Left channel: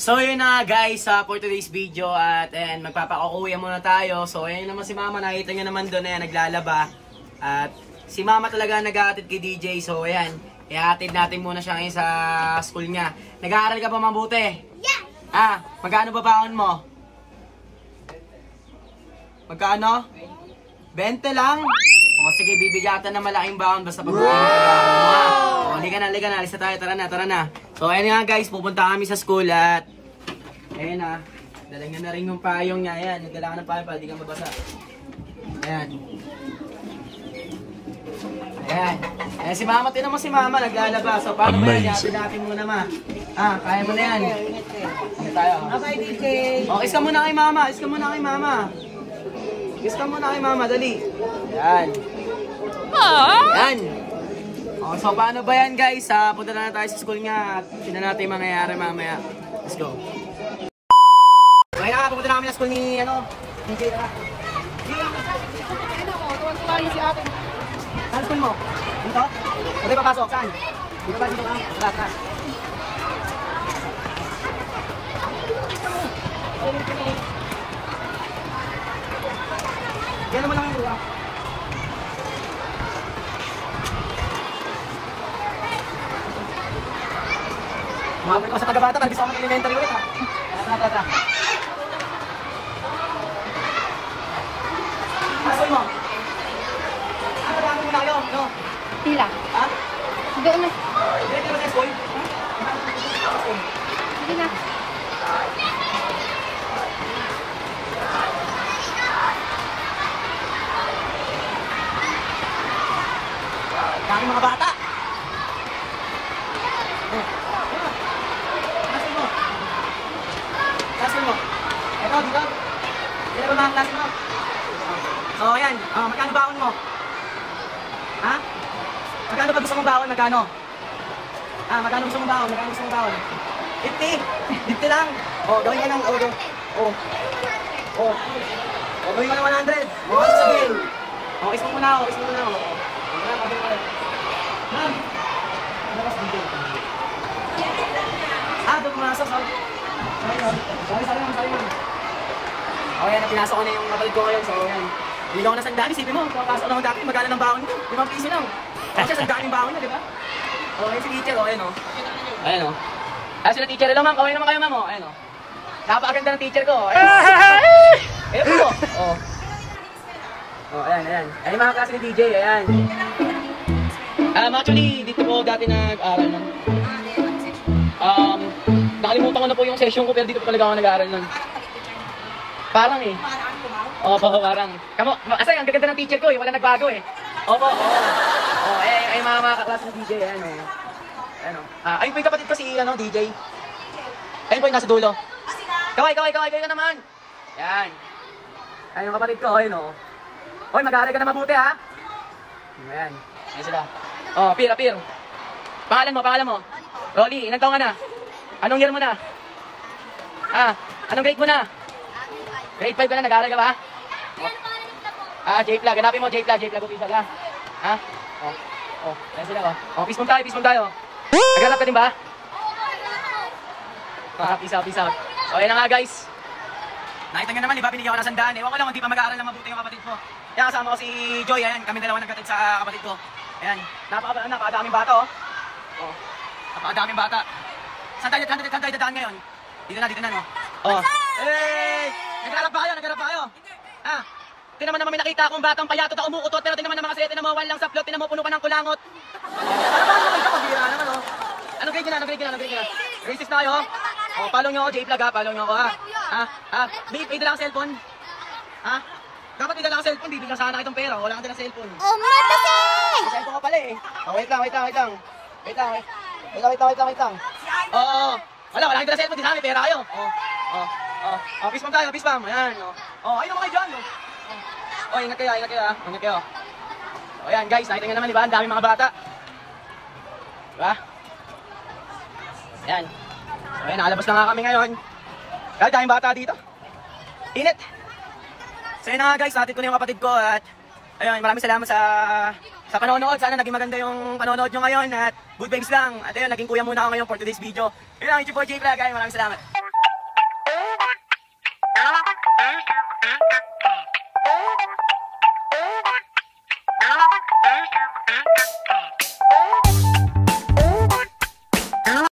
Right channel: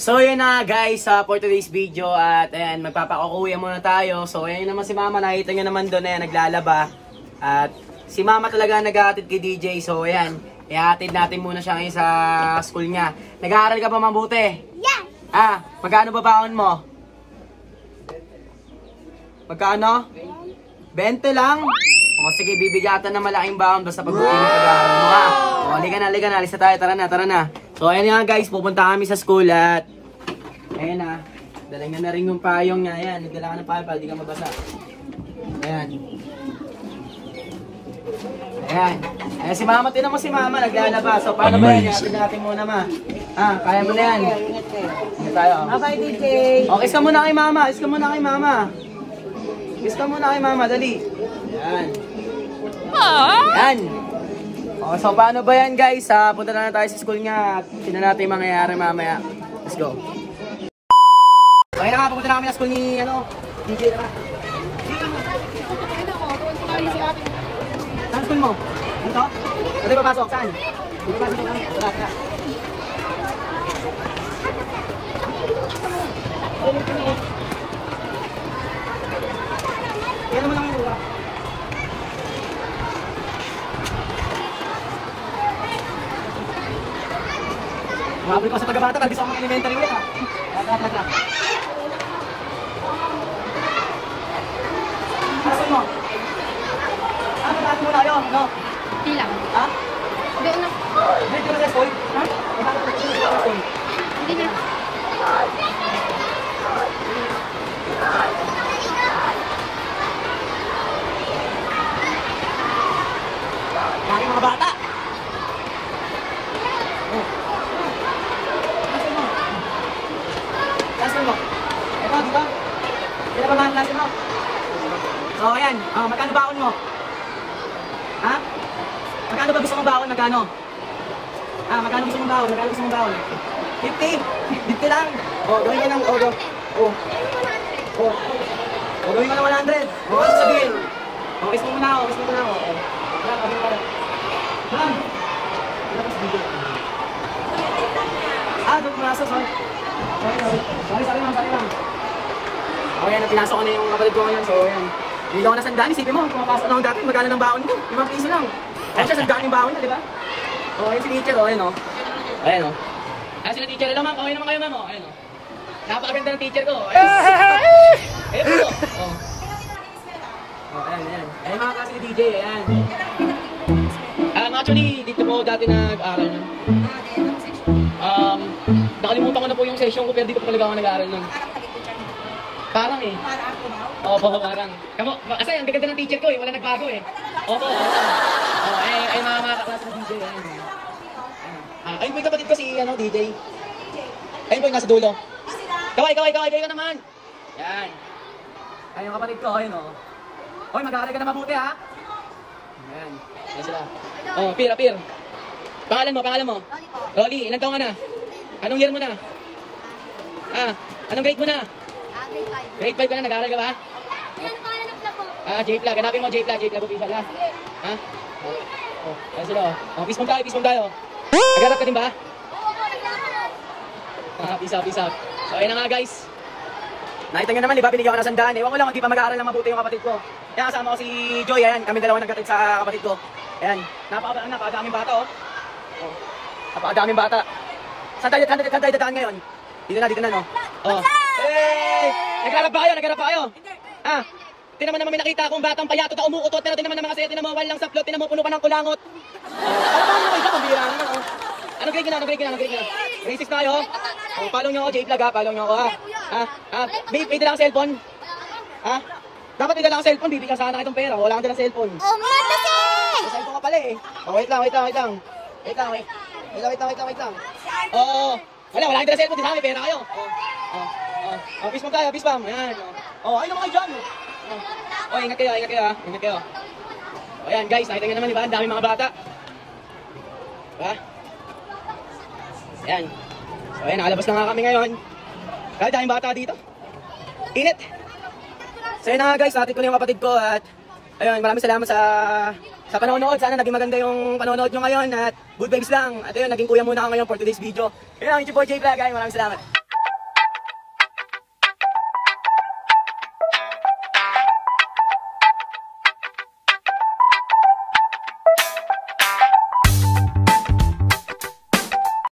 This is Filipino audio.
So yun na guys, for today's video at ayan, magpapakukuya muna tayo. So ayan naman si mama, nakita nyo naman doon, ayan, naglalaba. At si mama talaga nag-aatid kay DJ. So ayan, ihatid natin muna siya ngayon sa school niya. Nag-aaral ka pa mabuti? Yeah! Magkano ba baon mo? Magkano? 20 lang? O sige, bibigatan na malaking baon basta pag o, halika na, alis na tayo, tara na. So ayan nga guys, pupunta kami sa school at ayan na, dalang na rin yung payong niya. Ayan, nagdala ka ng payong para di ka mabasa. Ayan. Ayan si mama, tinan mo si mama, naglalaba. So paano ba yan? Yatin natin muna ma. Kaya mo na yan. Hindi tayo. Bye DJ. O, kiss ka muna kay mama, Kiss ka muna kay mama, dali. Ayan. Ayan. O, so paano ba yan guys? Punta na tayo sa school nga. Tingnan natin yung mangyayari mamaya. Let's go. So ayun nga, pupunta na kami sa school ni DJ na. Saan school mo? Dito? O tayo papasok? Saan? Dito ba? Dito ba? Yan naman lang yung ulo. Makapuli ko sa pagkabata, pag gusto ko mag-elementary ulit ha. Tara. Ano mo? Ano ba mo na yun? No? Bilang. Ha? Hindi na. Hindi ka ba na boy? Ha? Hindi na. Bakit mga bata? Klasin mo. Ito, dito. Dito ba mga klasin mo? So, ayan. Magkano baon mo? Ha? Magkano ba gusto mong baon? Magkano? Magkano gusto mong baon? 50? 50 lang? O, gawin ka ng, gawin ka ng 100. O, sige. O, kiss mo muna ako, doon pumasok ha. Sorry lang. Okay, pinasok ko na yung kapatid ko ngayon. So, ayan. Hindi ako nasandaan. Isipin mo, kung makasok na ako dati, magkano ng baon ko? 5 piso lang. O siya, sandaan yung baon na, di ba? O, ayan si teacher, ayan o. Ayan o. Ayan sila teacher. Hello ma'am, okay naman kayo ma'am o. Ayan o. Napakaganda ng teacher ko. Ayan po. O, ayan. Ayan yung mga klase ni DJ, ayan. Actually, dito po dati nag-aaral nun. Nakalimutan ko na po yung session ko, pero dito po talaga ako nag-aaral nun. Parang eh. Opo, parang. Asay, ang gaganda ng teacher ko eh, wala nagbago eh. Opo. Ay mga kaklase ng DJ, ayan eh. Ayun po yung kapatid ko si DJ. Ayun po yung nasa dulo. Kaway ka naman. Yan. Ayun yung kapatid ko, ayun o. Oy, mag-aaral ka na mabuti ha. Ayan. Ayan sila. Oh, Pir. Pangalan mo? Rolly, ilang taon ka na? Anong year mo na? Anong grade mo na? Grade 5 ka na, nag-aaral ka ba? J-Flag. Hanapin mo J-Flag official ha? Ayan sila oh. Peace bomb tayo. Nag-aaral ka din ba? Peace out. So, ayan na nga guys. Nakita nyo naman, di ba? Binigyan ko na sandaan. Ewan ko lang, hindi pa mag-aaral na mabuti yung kapatid ko. Kaya kasama ko si Joy, ayan. Kami dalawa nagkatid sa kapatid ko. Ayan. Napakadaming bata, oh. Napakadaming bata. Saan tayo dadaan ngayon? Dito na, no? Hey! Nagharap ba kayo? Tinan mo naman may nakita akong batang payatot na umuutot. Pero tinan mo naman kasi, tinan mo, walang saplot. Tinan mo, puno ka ng kulangot. Ano ba naman ito? Pambira naman, oh. Anong grade na? Grade 6 na kayo? Follow nyo ako, J-Flag ha. Follow nyo ako ha. May dalang cellphone? Dapat may dalang cellphone, bibigyan sana kitong pera. Wala kang dalang cellphone. Matasi! May cellphone ka pala eh. Wait lang. Wait lang. Wala kang dalang cellphone, di sana may pera kayo. Peace bomb. Ayan. Ayun naman kayo dyan. Ingat kayo ha. Ayan guys, nakita nyo naman diba? Ang daming mga bata. Diba? Ayan. So ayan, nakalabas na nga kami ngayon. Dahil daming bata dito. Init. So ayan na nga guys, natin ko na yung kapatid ko at ayun, maraming salamat sa panonood. Sana naging maganda yung panonood nyo ngayon at good vibes lang. At ayun, naging kuya muna ako ngayon for today's video. Ayun lang, YouTube for J-Vlog. Maraming salamat.